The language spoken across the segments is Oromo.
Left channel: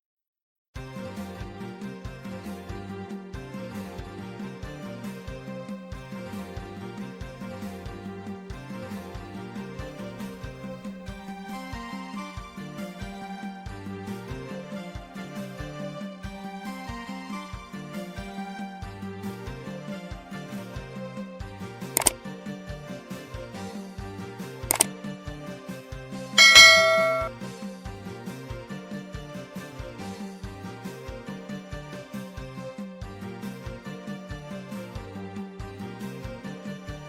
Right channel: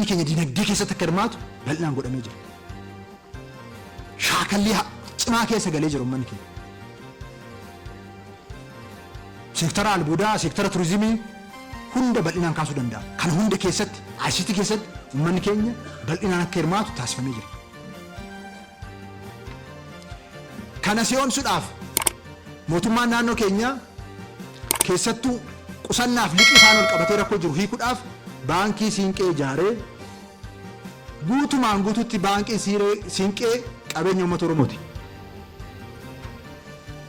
ummanni keenya dinagdee keessatti akka hirmaatu bal'inaan godhamee jira. Shaakalli cimaa keessa galee jira ummanni keenya. Seektara albuudaa, seektara turizimii hunda bal'inaan kaasuu danda'a. Kan hunda keessatti, ICT keessatti ummanni keenya bal'inaan akka hirmaatu taasifamee jira. Kana si'oomsuudhaaf mootummaan naannoo keenya keessattuu qusannaaf liqii isaan ol qabatee rakkoo jiru hiikuudhaaf baankii siinqee ijaaree guutumaan guutuutti baankiin siinqee qabeenya uummata Oromooti.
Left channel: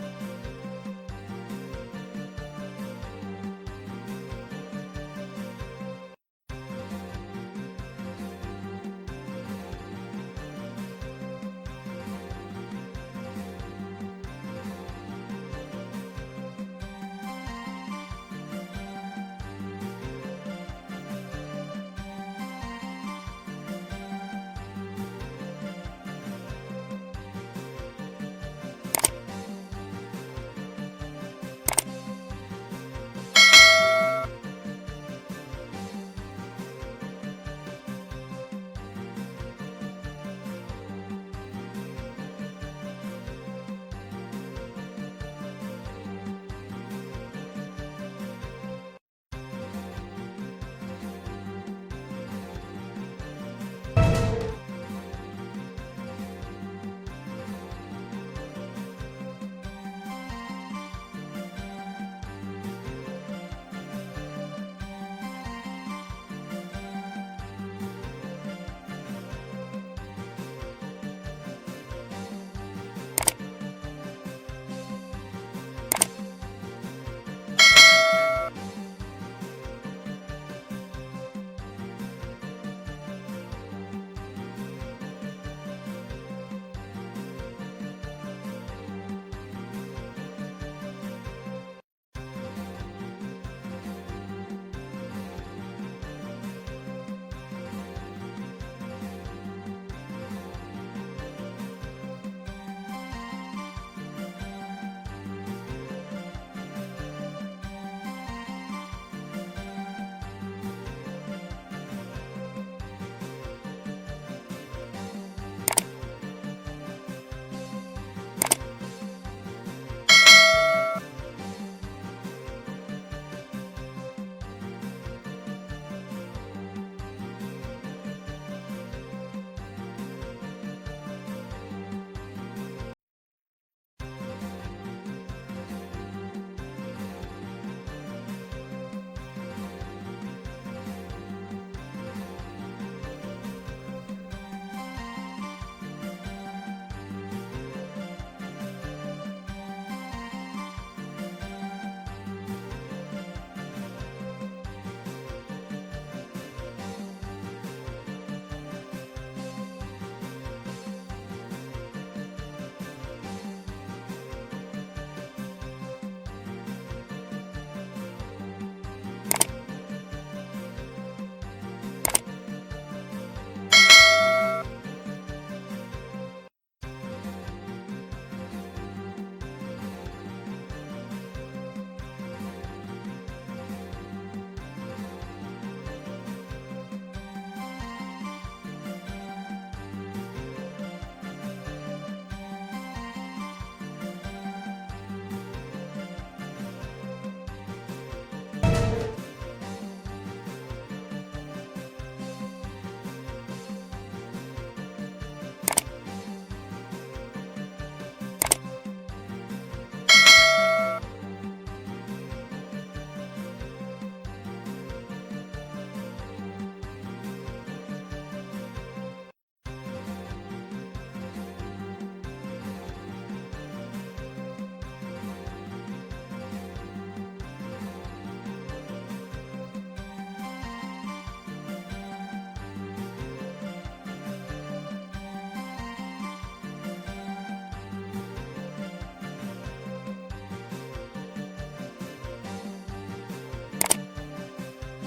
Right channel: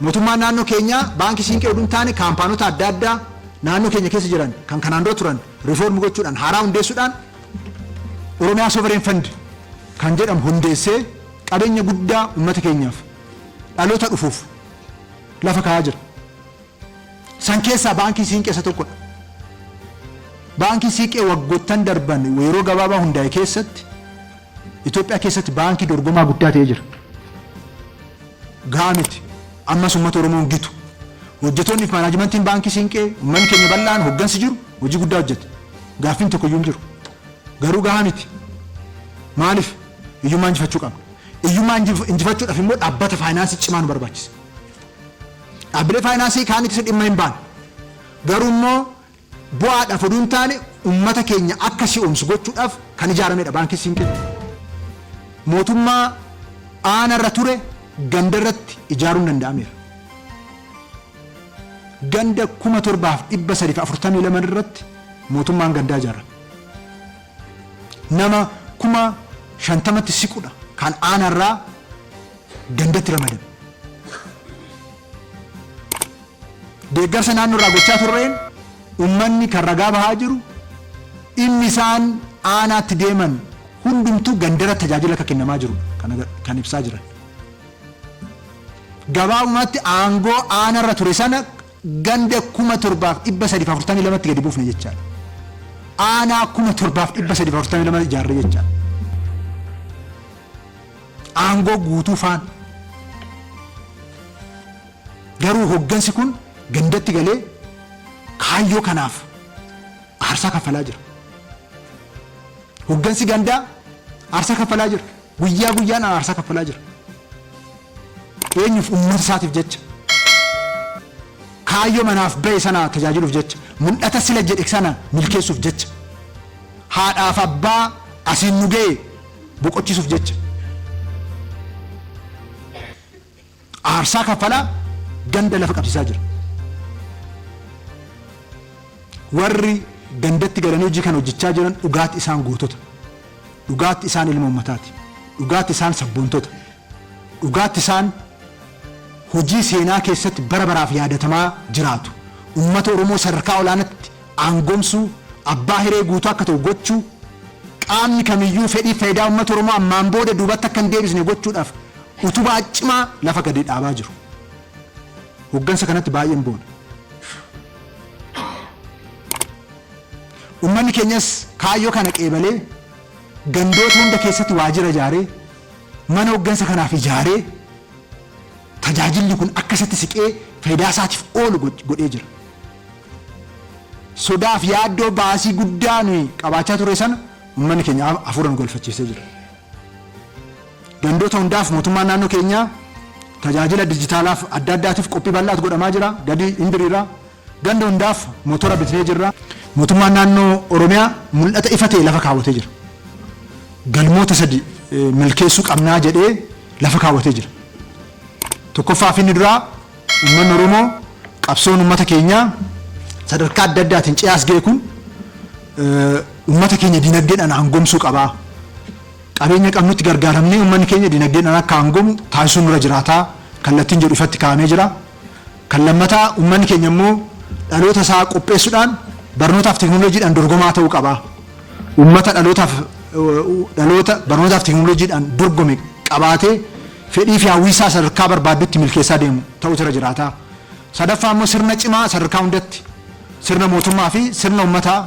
Mootummaan naannoo keenya baankii siinqee oduu hin taane kaampaanota adda addaa naannoo keenya keessa jiran kan kanaan dura turan riifoormi gochuudhaan haaraa hundeessuudhaan Oromiyaa Sovereign Fund kan jedhamu hundeessee qabeenya guddaa uummata keenyaaf dhaloota dhufuuf lafa kaa'aa jira. San keessaa baankii siinqee isa tokkodha. Baankii siinqee waggoottan darban yeroo gabaabaa hundaa'e keessatti Itoophiyaa keessatti baankii dorgomaa guddaa ta'ee jira. Gahaa miti. Ammas uummata Oromoon gitu. Hojjettoonni fi maanaajimentiin baankii siinqee uummanni keenya bal'aan hoggansi jiru hojii guddaa hojjeta. Gaaffiin tokko iyyuu hin jiru. Garuu gahaa miti. Maaliif? Hiyyummaa injifachuu qabna. Hiyyummaa injifachuudhaaf immoo dhaabbata faayinaansii cimaa nu barbaachisa. Dhaabbilee faayinaansii kaan itti dhimma hin baane. Garuu immoo bu'aadhaaf oduu hin taane uummata keenya akka si'oomsu gochuudhaaf kan ijaaramedha baankii siinqee. Mootummaa aanarra ture ganda irratti ijaaruun danda'ameera. Ganda 7,342 irratti mootummaan gandaa ijaara. Nama 50,000tti siqudha kan aanarraa gandatti ramadame. Deeggarsa naannoo irraa gochaa turreen uummanni kan ragaa bahaa jiru dhimmi isaan aanaatti deeman hundumtuu gandarra tajaajila akka kennamaa jiru kan ibsaa jiran. Gabaabumatti aangoo aanarra ture sana ganda 7,342tti gadi buufne jechaadha. Aanaa 7,342 ijaarre jechaadha. Aangoo guutuu faan. Garuu hoggansi kun gandatti galee kaayyoo kanaaf aarsaa kaffalaa jira. Hoggansi gandaa aarsaa kaffalaa jira. Guyyaa guyyaan aarsaa kaffalaa jira. Eenyuuf? Uummata isaatiif jecha. Kaayyoo manaaf ba'e sana tajaajiluuf jecha. Mul'ata sila jedhe sana milkeessuuf jecha. Haadhaaf abbaa asiin nu ga'e boqochiisuuf jecha. Aarsaa kaffalaa ganda lafa qabsiisaa jira. Warri gandatti galanii hojii kan hojjechaa jiran dhugaatti isaan gootota. Dhugaatti isaan ilma uummataati. Dhugaatti isaan sabboontota. Dhugaatti isaan hojii seenaa keessatti bara baraaf yaadatamaa jiraatu. Uummata Oromoo sadarkaa olaanaatti aangoomsuu, abbaa hiree guutuu akka ta'u gochuu, qaamni kamiyyuu fedhii faayidaa uummata Oromoo ammaan booda duubatti akka hin deebisne gochuudhaaf utubaa cimaa lafa gadi dhaabaa jiru. Hoggansa kanatti baay'een boona. Uummanni keenyas kaayyoo kana qeebalee gandoota hunda keessatti waajjira ijaaree mana hoggansa kanaaf ijaaree tajaajilli kun akkasitti siqee faayidaa isaatiif oolu godhee jira. Sodaaf yaaddoo baasii guddaa nuyi qabaachaa ture sana uummanni keenya hafuuraan golfachiisee jira. Gandoota hundaaf mootummaan naannoo keenyaa tajaajila dijitaalaaf adda addaatiif qophii bal'aatu godhamaa jira. Gadi indiriirraa ganda hundaaf mootora bitnee jirra. Mootummaan naannoo Oromiyaa mul'ata ifa ta'e lafa kaawwatee jira. Galmoota 3 milkeessuu qabnaa jedhee lafa kaawwatee jira. Tokkoffaa fi inni duraa uummanni Oromoo qabsoon uummata keenyaa sadarkaa adda addaatiin ce'aas ga'e kun uummata keenya dinagdeedhaan aangoomsuu qabaa. Qabeenya qabnutti gargaaramnee uummanni keenya dinagdeedhaan akka aangoomu taasisuun nurra jiraataa kallattiin jedhu ifatti kaa'amee jira. Kan lammataa uummanni keenya immoo dhaloota isaa qopheessuudhaan barnootaaf teekinooloojiidhaan dorgomaa ta'uu qabaa. Uummata dhaloota barnootaaf teekinooloojiidhaan dorgome qabaatee fedhii fi hawwiisaa sadarkaa barbaadutti milkeessaa deemu ta'uu irra jiraataa. Sadaffaa immoo sirna cimaa sadarkaa hundatti sirna mootummaa fi sirna uummataa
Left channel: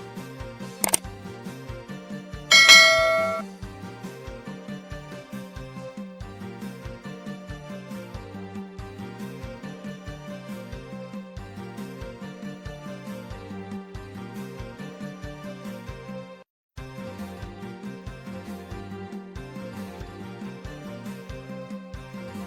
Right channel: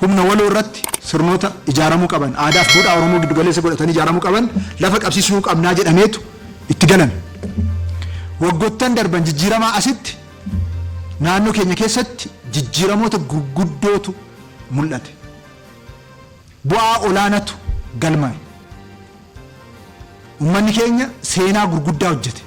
humna waloo irratti sirnoota ijaaramuu qaban aadaa fi duudhaa Oromoo giddu galeessa godhatanii ijaaramuu qaban lafa qabsiisuu qabnaa jedhameetu itti galan. Waggoottan darban jijjiiramaa asitti naannoo keenya keessatti jijjiiramoota gurguddootu mul'ate. bu'aa olaanatu galmaa'e. Uummanni keenya seenaa gurguddaa hojjete.